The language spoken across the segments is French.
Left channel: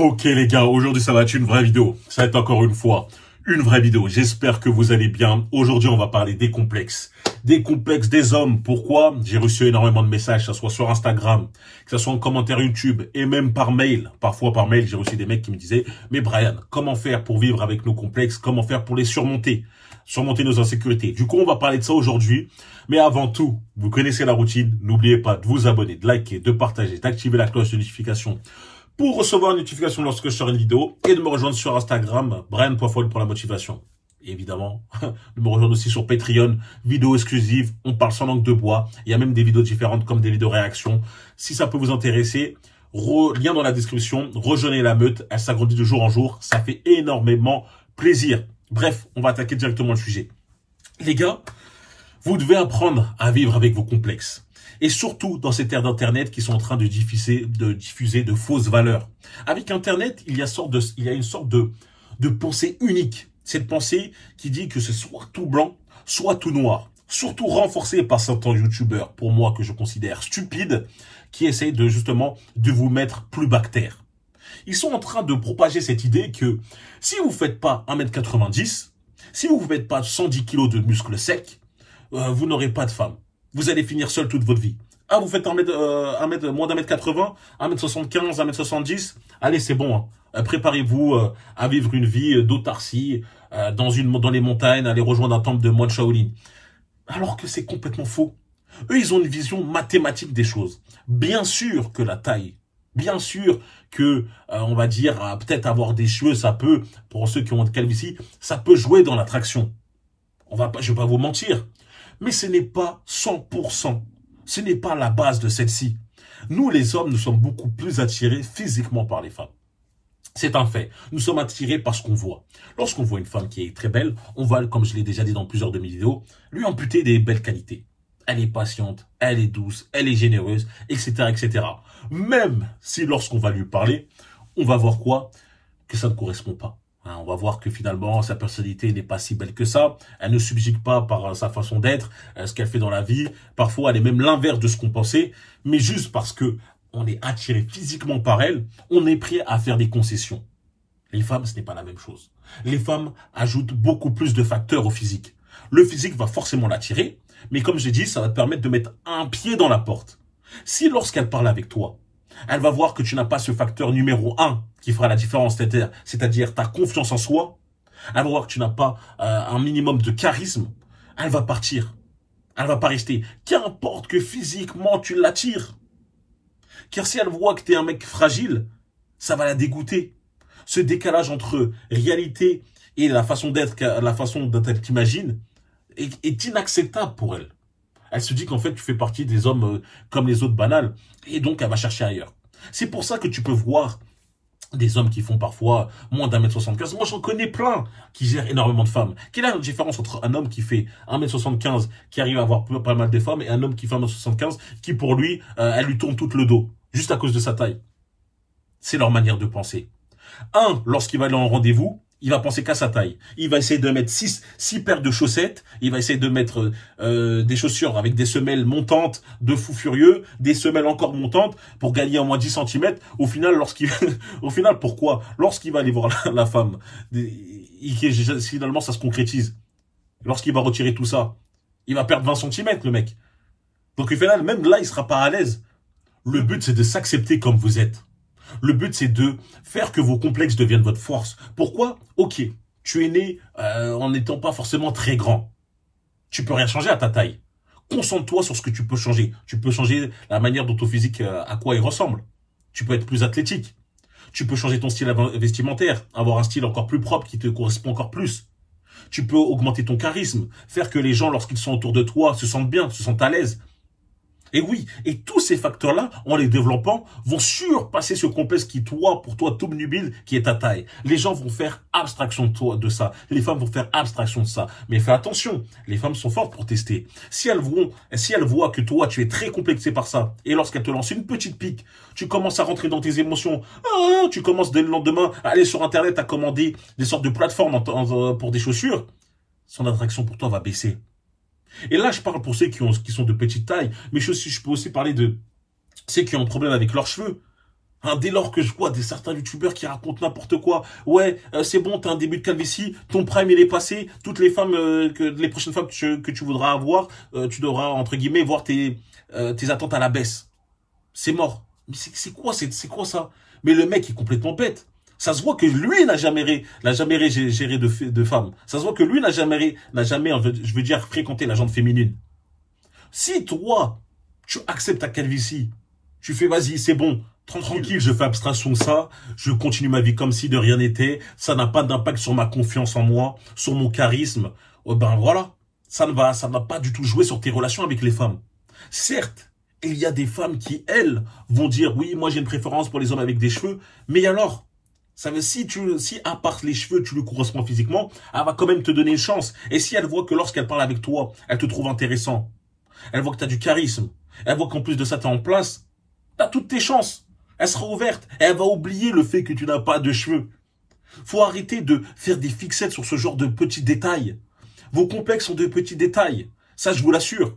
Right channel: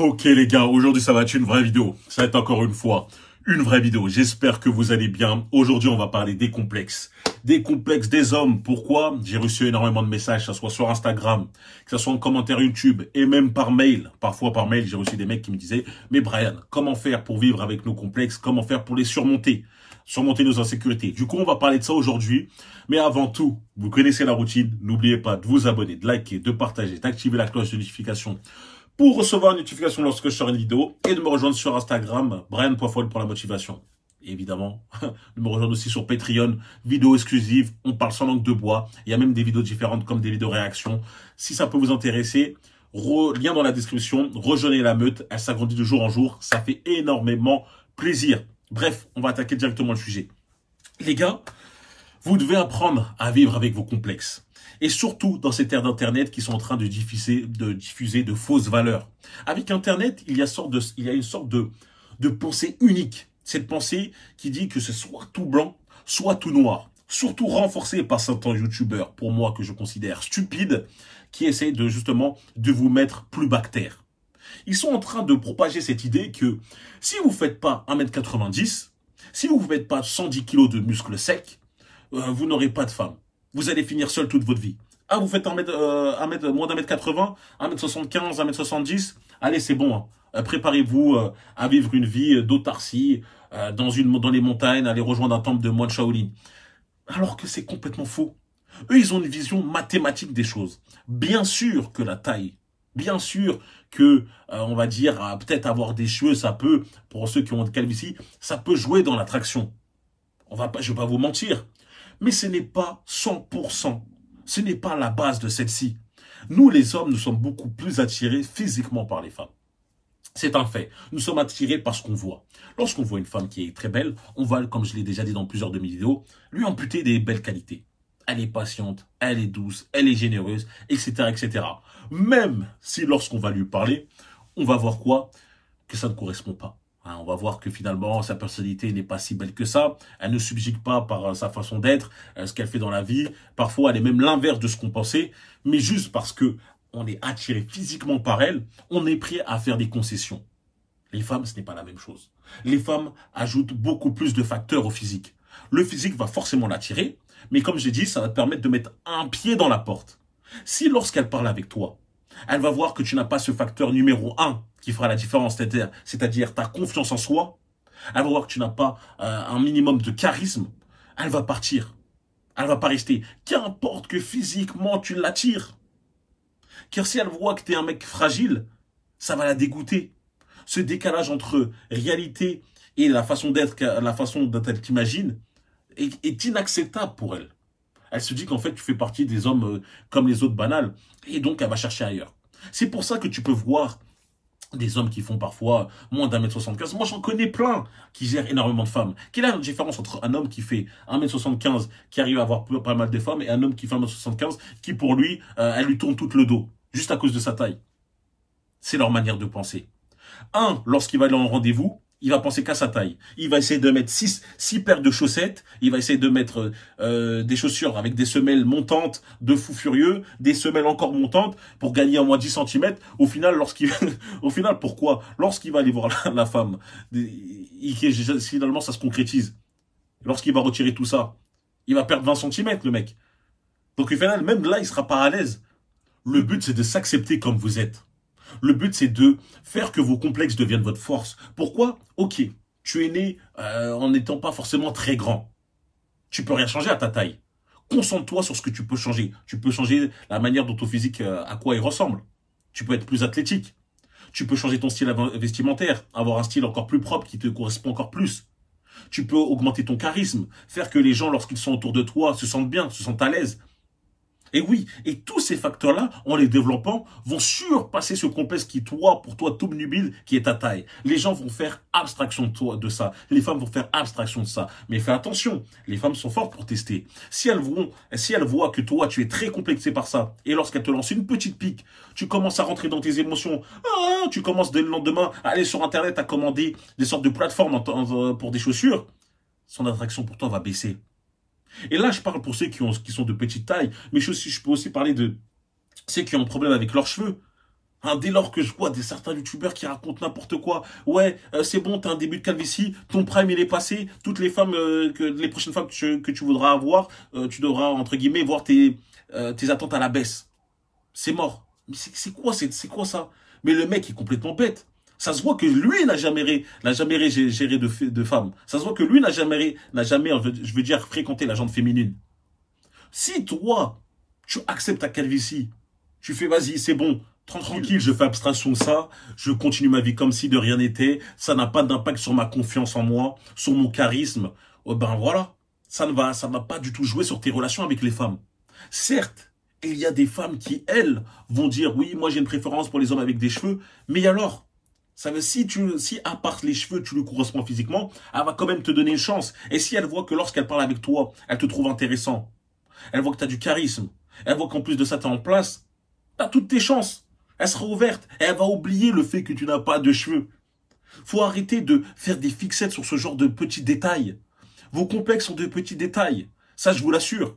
Ok les gars, aujourd'hui ça va être une vraie vidéo. Ça va être encore une fois une vraie vidéo. J'espère que vous allez bien. Aujourd'hui on va parler des complexes. Des complexes des hommes. Pourquoi? J'ai reçu énormément de messages, que ce soit sur Instagram, que ce soit en commentaire YouTube et même par mail. Parfois par mail, j'ai reçu des mecs qui me disaient « Mais Brian, comment faire pour vivre avec nos complexes? Comment faire pour les surmonter? Surmonter nos insécurités ?» Du coup, on va parler de ça aujourd'hui. Mais avant tout, vous connaissez la routine. N'oubliez pas de vous abonner, de liker, de partager, d'activer la cloche de notification pour recevoir une notification lorsque je sors une vidéo et de me rejoindre sur Instagram, Brian.Foll pour la motivation. Et évidemment, de me rejoindre aussi sur Patreon, vidéos exclusives, on parle sans langue de bois. Il y a même des vidéos différentes comme des vidéos réactions. Si ça peut vous intéresser, lien dans la description, rejoignez la meute, elle s'agrandit de jour en jour, ça fait énormément plaisir. Bref, on va attaquer directement le sujet. Les gars, vous devez apprendre à vivre avec vos complexes. Et surtout dans cette ère d'Internet qui sont en train de diffuser de fausses valeurs. Avec Internet, il y a une sorte de pensée unique. Cette pensée qui dit que c'est soit tout blanc, soit tout noir. Surtout renforcée par certains youtubeurs, pour moi, que je considère stupides, qui essayent de vous mettre plus bas que terre. Ils sont en train de propager cette idée que si vous ne faites pas 1m90, si vous ne faites pas 110 kg de muscles secs, vous n'aurez pas de femme. Vous allez finir seul toute votre vie. Ah, vous faites moins d'1m80, 1m75, 1m70. Allez, c'est bon. Hein. Préparez-vous à vivre une vie d'autarcie dans les montagnes, aller rejoindre un temple de moine Shaolin. Alors que c'est complètement faux. Eux, ils ont une vision mathématique des choses. Bien sûr que la taille, bien sûr que, on va dire, peut-être avoir des cheveux, ça peut, pour ceux qui ont de calvitie, ça peut jouer dans l'attraction. Je vais pas vous mentir. Mais ce n'est pas 100%. Ce n'est pas la base de celle-ci. Nous, les hommes, nous sommes beaucoup plus attirés physiquement par les femmes. C'est un fait. Nous sommes attirés par ce qu'on voit. Lorsqu'on voit une femme qui est très belle, on va, comme je l'ai déjà dit dans plusieurs de mes vidéos, lui amputer des belles qualités. Elle est patiente, elle est douce, elle est généreuse, etc., etc. Même si lorsqu'on va lui parler, on va voir quoi? Que ça ne correspond pas. On va voir que finalement, sa personnalité n'est pas si belle que ça. Elle ne subjugue pas par sa façon d'être, ce qu'elle fait dans la vie. Parfois, elle est même l'inverse de ce qu'on pensait. Mais juste parce que on est attiré physiquement par elle, on est prêt à faire des concessions. Les femmes, ce n'est pas la même chose. Les femmes ajoutent beaucoup plus de facteurs au physique. Le physique va forcément l'attirer. Mais comme j'ai dit, ça va te permettre de mettre un pied dans la porte. Si lorsqu'elle parle avec toi, elle va voir que tu n'as pas ce facteur numéro 1 qui fera la différence, c'est-à-dire ta confiance en soi. Elle va voir que tu n'as pas un minimum de charisme. Elle va partir. Elle va pas rester. Qu'importe que physiquement tu l'attires. Car si elle voit que tu es un mec fragile, ça va la dégoûter. Ce décalage entre réalité et la façon d'être, la façon dont elle t'imagine, est inacceptable pour elle. Elle se dit qu'en fait, tu fais partie des hommes comme les autres banals. Et donc, elle va chercher ailleurs. C'est pour ça que tu peux voir des hommes qui font parfois moins d'1m75. Moi, j'en connais plein qui gèrent énormément de femmes. Quelle est la différence entre un homme qui fait 1m75, qui arrive à avoir pas mal de femmes, et un homme qui fait 1m75, qui pour lui, elle lui tourne tout le dos, juste à cause de sa taille? C'est leur manière de penser. Un, lorsqu'il va aller en rendez-vous, il va penser qu'à sa taille. Il va essayer de mettre 6 paires de chaussettes. Il va essayer de mettre des chaussures avec des semelles montantes de fou furieux, des semelles encore montantes pour gagner au moins 10 cm. Au final, pourquoi? Lorsqu'il va aller voir la femme, finalement, ça se concrétise. Lorsqu'il va retirer tout ça, il va perdre 20 cm, le mec. Donc, au final, même là, il sera pas à l'aise. Le but, c'est de s'accepter comme vous êtes. Le but, c'est de faire que vos complexes deviennent votre force. Pourquoi? Ok, tu es né en n'étant pas forcément très grand. Tu peux rien changer à ta taille. Concentre-toi sur ce que tu peux changer. Tu peux changer la manière dont ton physique, à quoi il ressemble. Tu peux être plus athlétique. Tu peux changer ton style vestimentaire, avoir un style encore plus propre qui te correspond encore plus. Tu peux augmenter ton charisme, faire que les gens, lorsqu'ils sont autour de toi, se sentent bien, se sentent à l'aise. Et oui, et tous ces facteurs-là, en les développant, vont surpasser ce complexe qui, pour toi, t'obnubile, qui est ta taille. Les gens vont faire abstraction de ça. Les femmes vont faire abstraction de ça. Mais fais attention, les femmes sont fortes pour tester. Si elles voient que toi, tu es très complexé par ça, et lorsqu'elles te lancent une petite pique, tu commences à rentrer dans tes émotions, tu commences dès le lendemain à aller sur Internet, à commander des sortes de plateformes pour des chaussures, son attraction pour toi va baisser. Et là, je parle pour ceux qui sont de petite taille, mais je peux aussi parler de ceux qui ont un problème avec leurs cheveux. Hein, dès lors que je vois certains youtubeurs qui racontent n'importe quoi, ouais, c'est bon, t'as un début de calvitie, ton prime il est passé, toutes les femmes, les prochaines femmes que tu voudras avoir, tu devras, entre guillemets, voir tes attentes à la baisse. C'est mort. Mais c'est quoi ça? Mais le mec est complètement bête. Ça se voit que lui n'a jamais géré de femmes. Ça se voit que lui n'a jamais, je veux dire, fréquenté la gente féminine. Si toi, tu acceptes ta calvitie, tu fais vas-y, c'est bon, tranquille, je fais abstraction de ça, je continue ma vie comme si de rien n'était, ça n'a pas d'impact sur ma confiance en moi, sur mon charisme, ben voilà, ça ne va pas du tout jouer sur tes relations avec les femmes. Certes, il y a des femmes qui, elles, vont dire, oui, moi j'ai une préférence pour les hommes avec des cheveux, mais alors, ça veut, si à part les cheveux, tu lui corresponds physiquement, elle va quand même te donner une chance. Et si elle voit que lorsqu'elle parle avec toi, elle te trouve intéressant, elle voit que tu as du charisme, elle voit qu'en plus de ça, tu es en place, tu as toutes tes chances. Elle sera ouverte, elle va oublier le fait que tu n'as pas de cheveux. Faut arrêter de faire des fixettes sur ce genre de petits détails. Vos complexes sont de petits détails, ça je vous l'assure.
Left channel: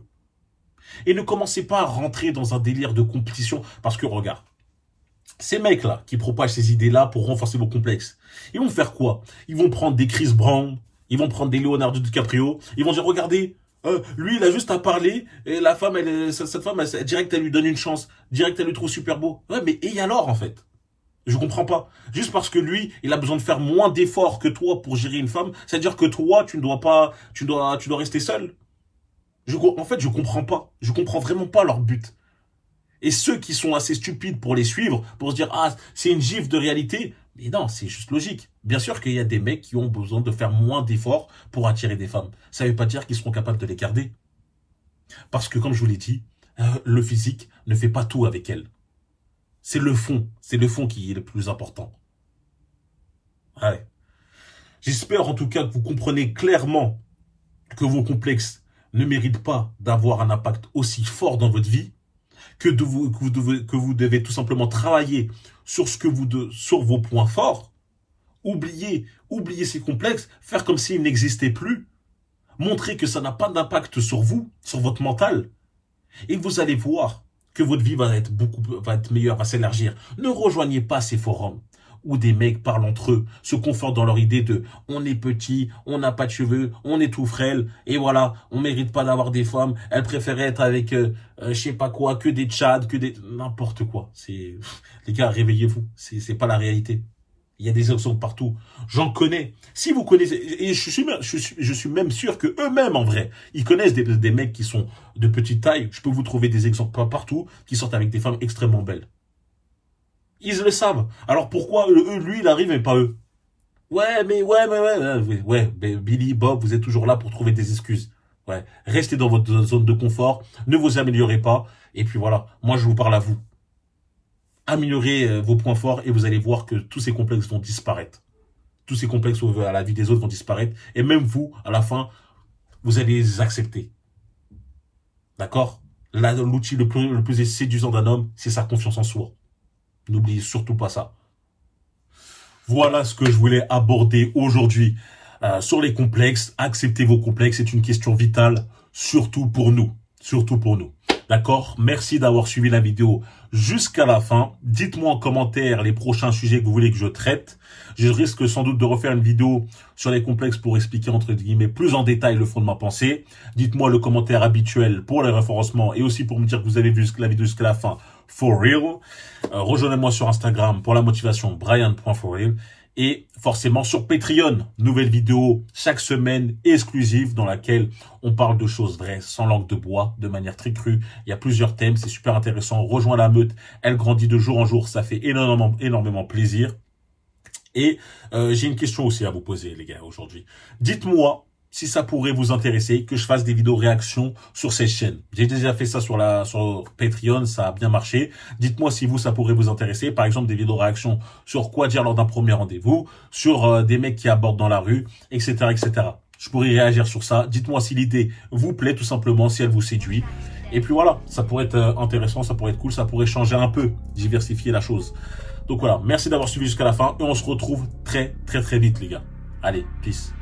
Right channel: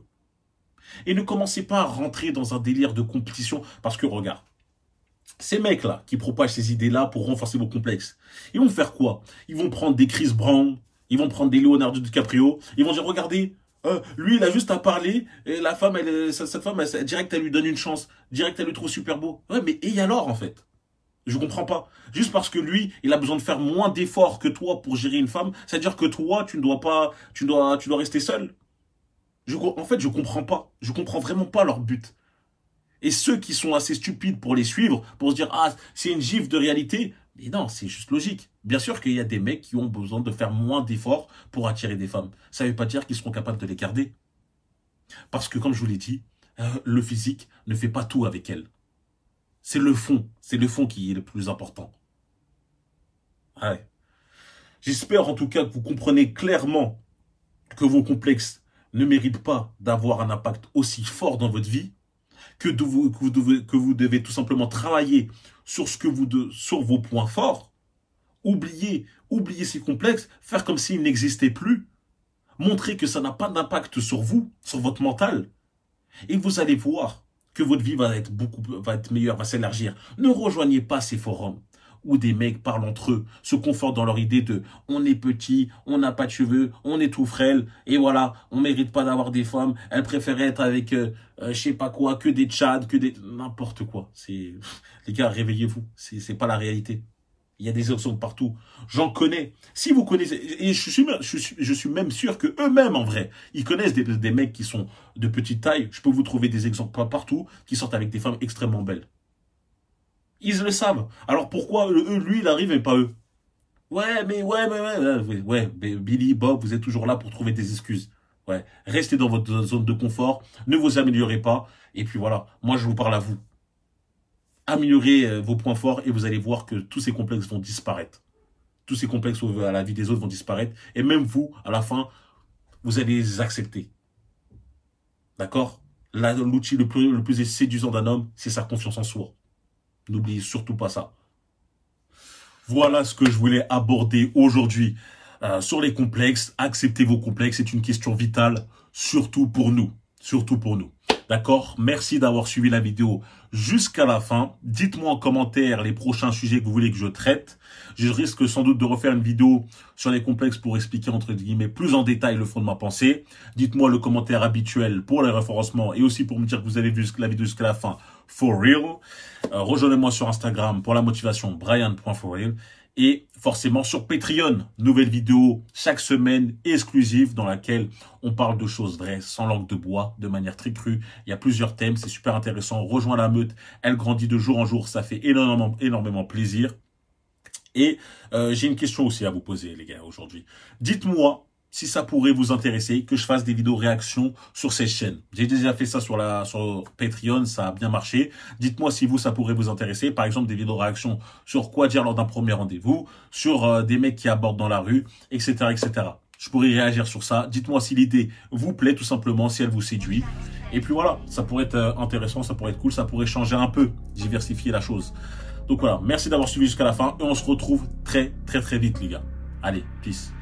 Et ne commencez pas à rentrer dans un délire de compétition, parce que regarde, ces mecs-là qui propagent ces idées-là pour renforcer vos complexes, ils vont faire quoi? Ils vont prendre des Chris Brown, ils vont prendre des Leonardo DiCaprio, ils vont dire, regardez, lui, il a juste à parler, et la femme, cette femme, direct, elle lui donne une chance, direct, elle lui trouve super beau. Ouais, mais et alors, en fait? Je comprends pas. Juste parce que lui, il a besoin de faire moins d'efforts que toi pour gérer une femme, c'est-à-dire que toi, tu ne dois pas, tu dois rester seul. En fait, je comprends pas. Je comprends vraiment pas leur but. Et ceux qui sont assez stupides pour les suivre, pour se dire, ah, c'est une gifle de réalité. Mais non, c'est juste logique. Bien sûr qu'il y a des mecs qui ont besoin de faire moins d'efforts pour attirer des femmes. Ça ne veut pas dire qu'ils seront capables de les garder. Parce que, comme je vous l'ai dit, le physique ne fait pas tout avec elles. C'est le fond. C'est le fond qui est le plus important. Ouais. J'espère en tout cas que vous comprenez clairement que vos complexes ne méritent pas d'avoir un impact aussi fort dans votre vie, que vous devez tout simplement travailler sur sur vos points forts, oublier ces complexes, faire comme s'ils n'existaient plus, montrer que ça n'a pas d'impact sur vous, sur votre mental, et vous allez voir que votre vie va être meilleure, va s'élargir. Ne rejoignez pas ces forums où des mecs parlent entre eux, se confortent dans leur idée de « on est petit, on n'a pas de cheveux, on est tout frêle, et voilà, on mérite pas d'avoir des femmes, elles préféraient être avec je sais pas quoi, que des tchads, que des... n'importe quoi. » Les gars, réveillez-vous, c'est pas la réalité. Il y a des exemples partout. J'en connais. Si vous connaissez, et je suis même sûr que eux-mêmes, en vrai, ils connaissent des mecs qui sont de petite taille. Je peux vous trouver des exemples partout qui sortent avec des femmes extrêmement belles. Ils le savent. Alors pourquoi lui, il arrive et pas eux? Ouais, mais Billy, Bob, vous êtes toujours là pour trouver des excuses. Ouais, restez dans votre zone de confort, ne vous améliorez pas. Et puis voilà, moi je vous parle à vous. Améliorez vos points forts et vous allez voir que tous ces complexes vont disparaître. Tous ces complexes à la vie des autres vont disparaître. Et même vous, à la fin, vous allez les accepter. D'accord? Là, l'outil le plus séduisant d'un homme, c'est sa confiance en soi. N'oubliez surtout pas ça. Voilà ce que je voulais aborder aujourd'hui sur les complexes. Acceptez vos complexes, c'est une question vitale, surtout pour nous. Surtout pour nous. D'accord? Merci d'avoir suivi la vidéo jusqu'à la fin. Dites-moi en commentaire les prochains sujets que vous voulez que je traite. Je risque sans doute de refaire une vidéo sur les complexes pour expliquer entre guillemets plus en détail le fond de ma pensée. Dites-moi le commentaire habituel pour les référencements et aussi pour me dire que vous avez vu la vidéo jusqu'à la fin. For real. Rejoignez-moi sur Instagram pour la motivation Brian.forreal. Et forcément sur Patreon, nouvelle vidéo chaque semaine exclusive dans laquelle on parle de choses vraies, sans langue de bois, de manière très crue. Il y a plusieurs thèmes, c'est super intéressant. Rejoins la meute, elle grandit de jour en jour, ça fait énormément plaisir. Et j'ai une question aussi à vous poser les gars aujourd'hui. Dites-moi si ça pourrait vous intéresser que je fasse des vidéos réactions sur ces chaînes. J'ai déjà fait ça sur Patreon, ça a bien marché. Dites-moi si ça pourrait vous intéresser. Par exemple, des vidéos réactions sur quoi dire lors d'un premier rendez-vous, sur des mecs qui abordent dans la rue, etc., etc. Je pourrais réagir sur ça. Dites-moi si l'idée vous plaît, tout simplement, si elle vous séduit. Et puis voilà, ça pourrait être intéressant, ça pourrait être cool, ça pourrait changer un peu, diversifier la chose. Donc voilà, merci d'avoir suivi jusqu'à la fin et on se retrouve très vite les gars. Allez, peace.